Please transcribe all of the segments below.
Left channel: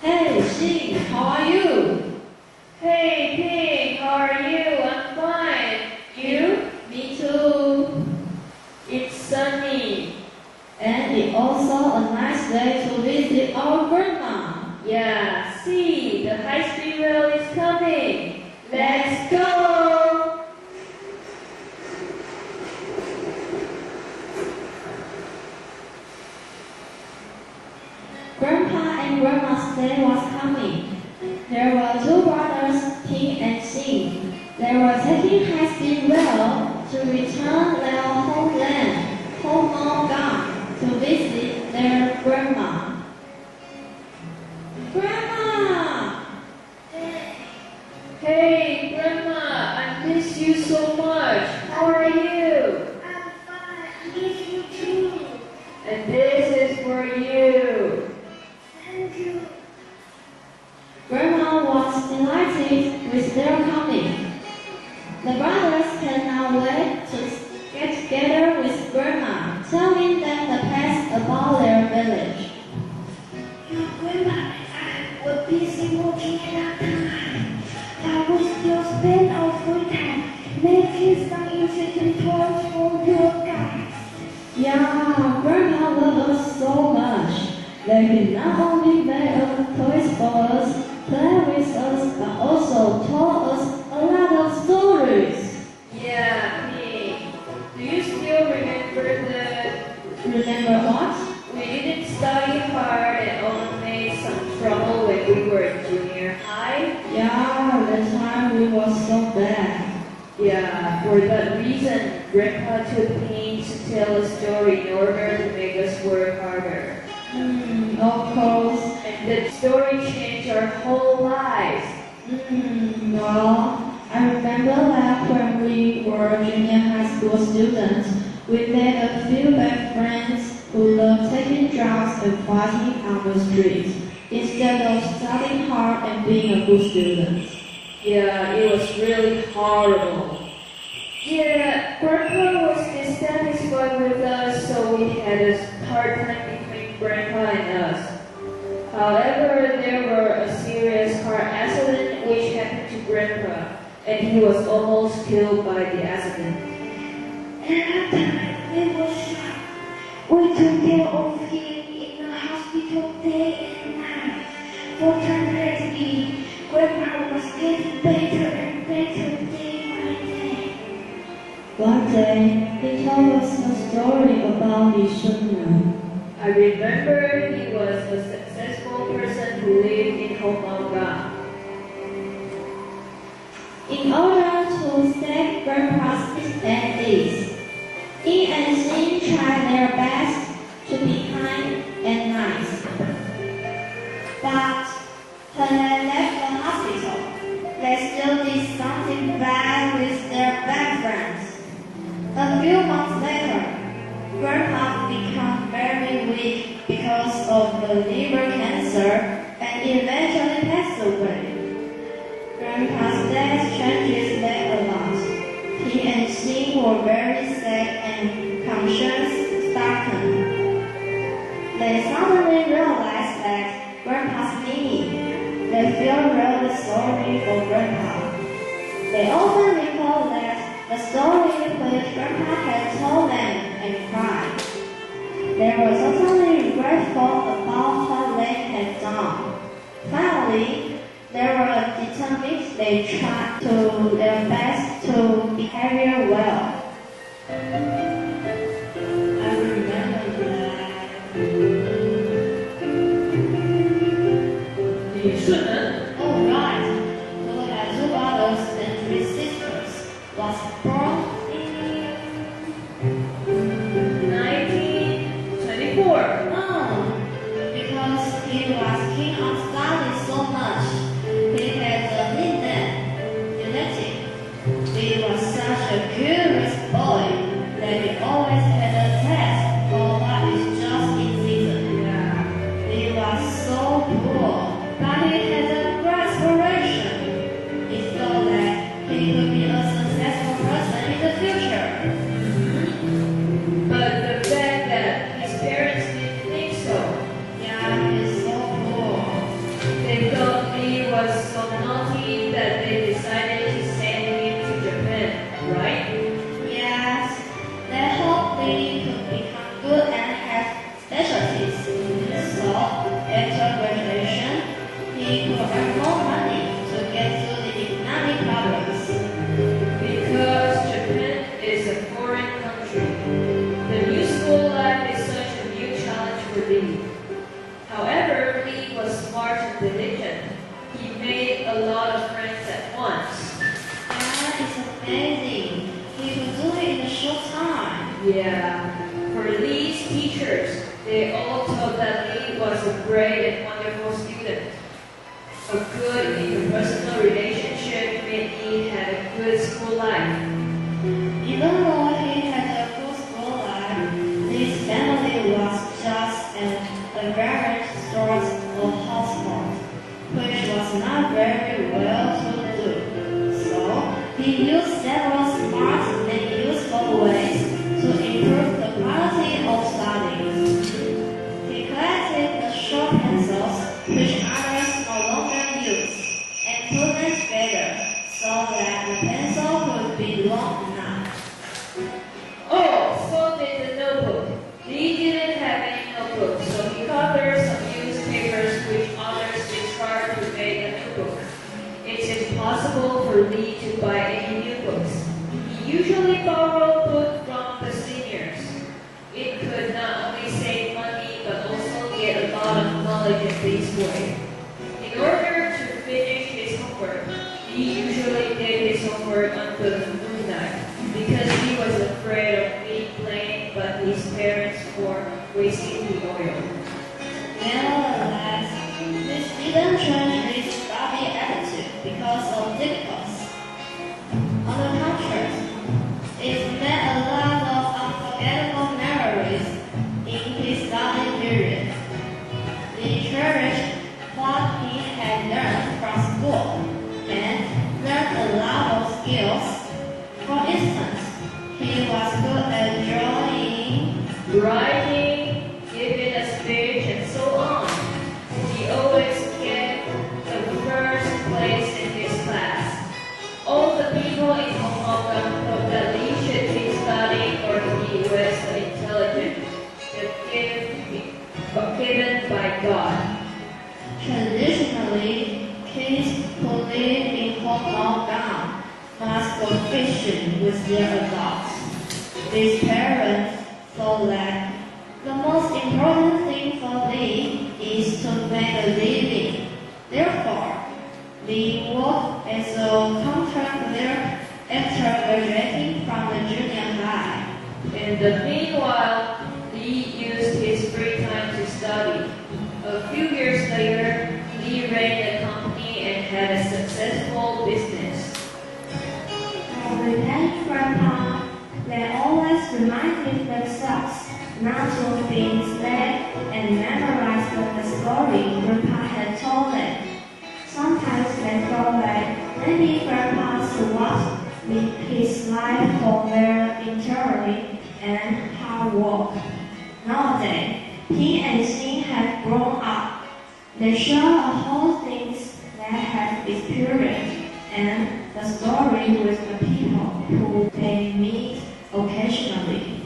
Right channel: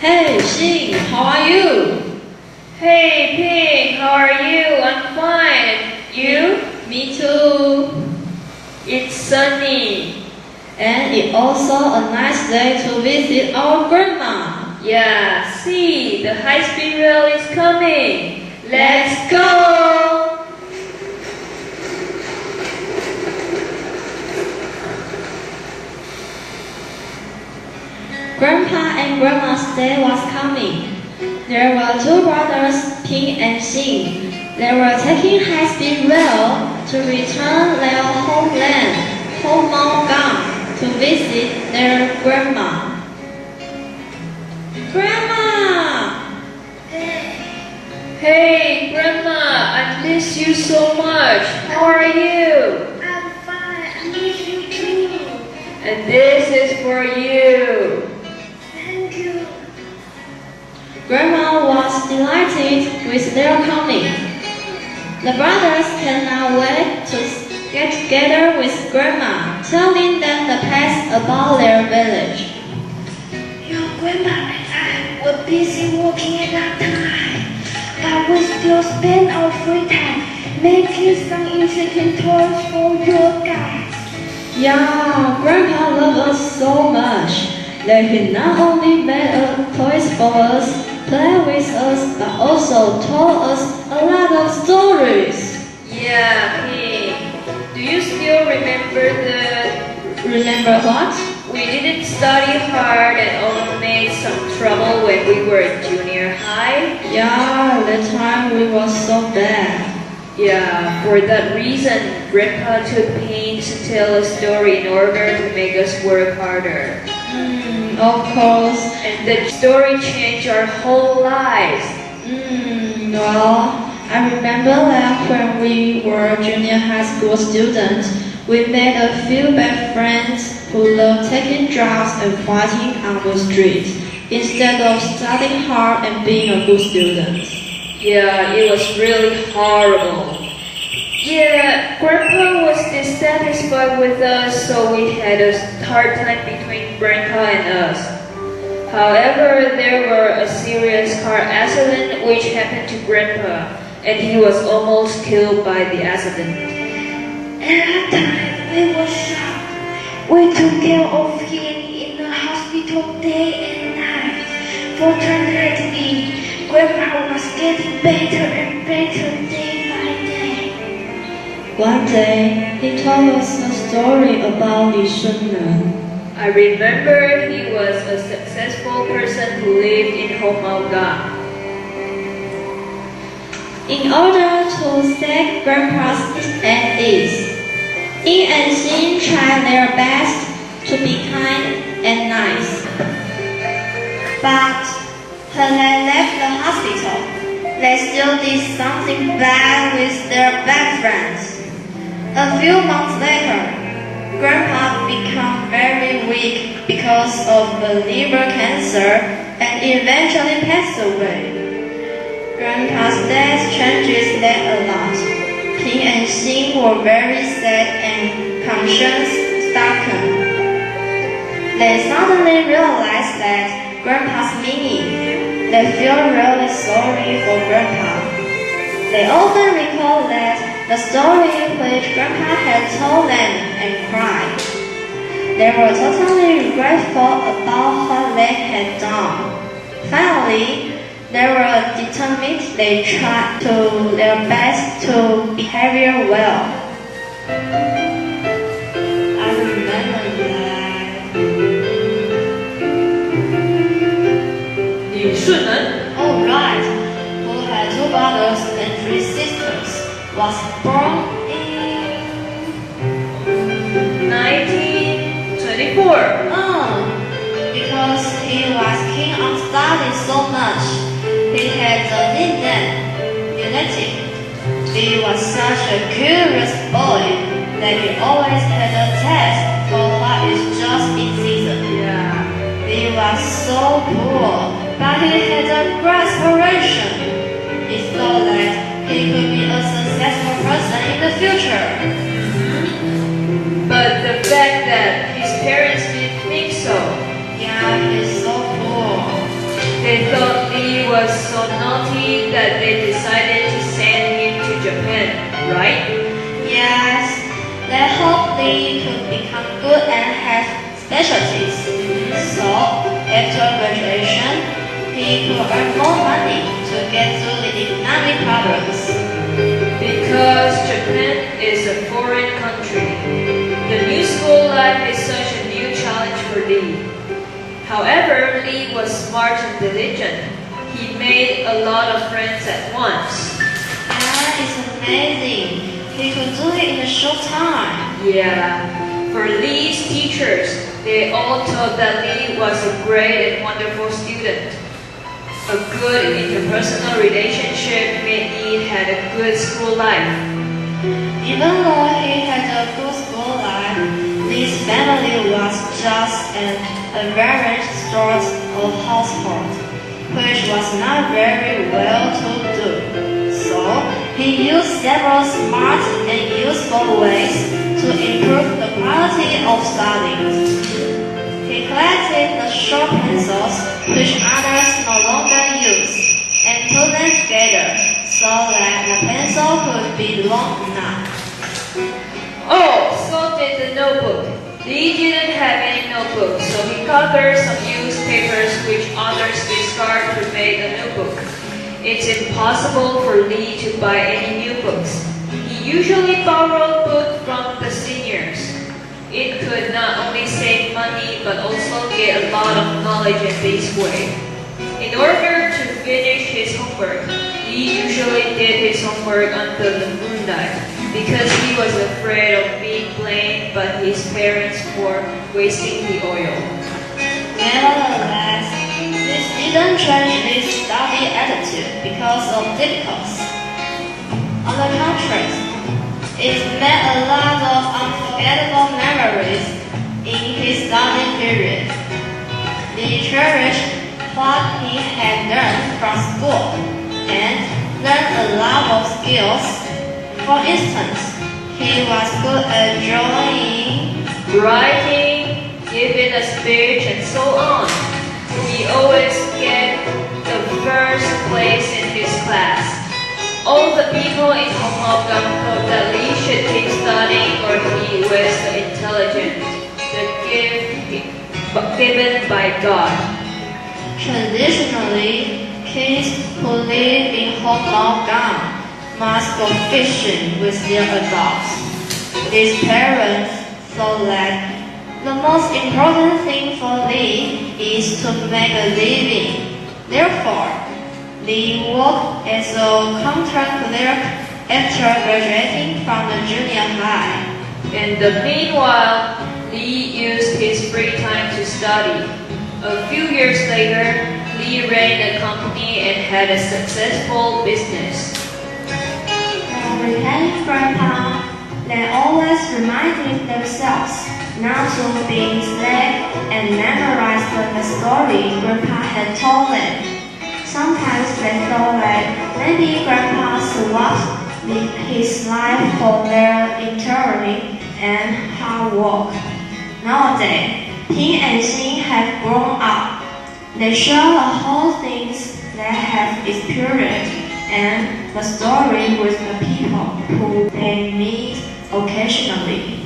Hey, Xing, how are you? Hey, Pink, how are you? I'm fine. You? Me too. It's sunny. And it's also a nice day to visit our grandma. Yeah, see, the high-speed rail is coming. Let's go! Grandpa and Grandma's day was coming. There were two brothers, Ping and Xing. They were taking high-speed rail to return their homeland, Homeogan, to visit their grandma. Grandma! Hey, Grandma, I miss you so much. How are you? I'm fine. I miss you too. And this is for you. Thank you. Grandma was delighted with their coming. The brothers cannot wait to get together with Grandma, telling them the past about their village. Your grandma and I were busy working at that time, but we still spend our free time making some interesting toys for you guys. Yeah, Grandpa loved us so much that he not only made toys for us, played with us, but also told us a lot of stories. Yeah, Pink. Do you still remember Remember what? we didn't study hard and all made some trouble when we were in junior high? Yeah, that time we were so bad. Yeah, for that reason, Grandpa took pains to tell a story in order to make us work harder. Of course. And the story changed our whole lives. Well, I remember that when we were junior high school students, we made a few bad friends who loved taking drugs and fighting on the street instead of studying hard and being a good student. Yeah, it was really horrible. Yeah, Grandpa was dissatisfied with us, so we had a hard time between Grandpa and us. However, there were a serious car accident which happened to Grandpa, and he was almost killed by the accident. At that time, we were shocked. We took care of him in the hospital day and night. Fortunately, Grandpa was getting better and better day by day. One day, he told us a story about Li Shunren. I remember he was a successful person who lived in Homeogan. In order to save Grandpa's at ease, Ying and Xin tried their best to be kind and nice. But when they left the hospital, they still did something bad with their bad friends. A few months later, Grandpa became very weak because of the liver cancer and eventually passed away. Grandpa's death changes them a lot. Ping and Xing were very sad and conscience-stricken. They suddenly realized that Grandpa's meaning. They feel really sorry for Grandpa. They often recall that the story which Grandpa had told them and cried. They were totally regretful about what they had done. Finally, they were determined. They tried to their best to behave well. I remember that. Li Shunren? Oh right, who had two brothers and three sisters, was born in 1924. Because he was keen on studying so much, he had the nickname Lunatic. He was such a curious boy that he always had a taste for what is just in season. Yeah. He was so poor, but he had a great aspiration. He thought that he could be a successful person in the future. But the fact that his parents didn't think so. Yeah, he's so poor. specialties. So, after graduation, he could earn more money to get through the economic problems. Because Japan is a foreign country, the new school life is such a new challenge for Lee. However, Lee was smart and diligent. He made a lot of friends at once. That is amazing. He could do it in a short time. Yeah, for Lee's teachers, they all thought that Lee was a great and wonderful student. A good interpersonal relationship made Lee had a good school life. Even though he had a good school life, Lee's family was just an average sort of household, which was not very well to do. So, he used several smart and useful ways to improve the quality of studies. He collected the sharp pencils which others no longer used and put them together so that the pencil could be long enough. Oh, so did the notebook. Lee didn't have any notebook, so he colored some used papers which others discarded to make a notebook. It's impossible for Lee to buy any new books. He usually borrowed books from the seniors. It could not only save money but also get a lot of knowledge in this way. In order to finish his homework, Lee usually did his homework under the moonlight because he was afraid of being blamed by his parents for wasting the oil. Nevertheless, this didn't change his study attitude because of difficulties. On the contrary, it made a lot of unforgettable memories in his study period. He cherished what he had learned from school and learned a lot of skills. For instance, he was good at drawing, Writing, giving a speech, and so on. He always get the first place in his class. All the people in Hong Kong thought that Lee should keep studying or he was the intelligent, the gift given by God. Traditionally, kids who live in Hong Kong must go fishing with their adults. His parents thought that the most important thing for Lee is to make a living. Therefore, Lee worked as a contract clerk after graduating from the junior high. In the meanwhile, Lee used his free time to study. A few years later, Lee ran a company and had a successful business. When we had Grandpa, they always reminded themselves not to be misled and memorize the story Grandpa had told them. Sometimes they thought that maybe Grandpa swapped his life for their intellect and hard work. Nowadays, he and she have grown up. They share the whole things they have experienced and the story with the people who they meet occasionally.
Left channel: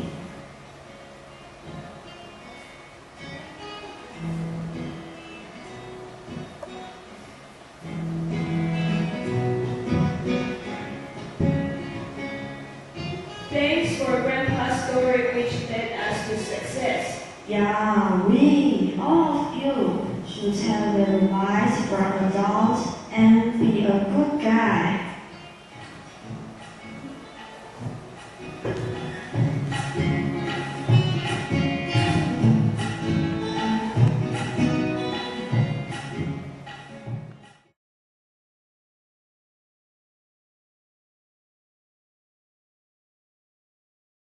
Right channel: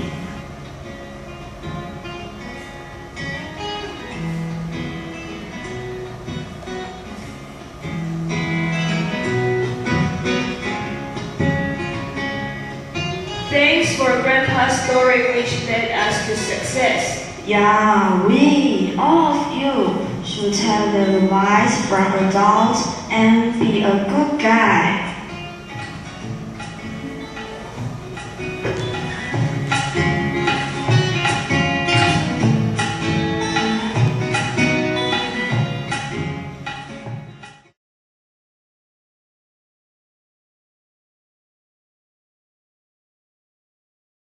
Thanks for Grandpa's story which led us to success. Yeah, we, all of you, should have the advice from adults and be a good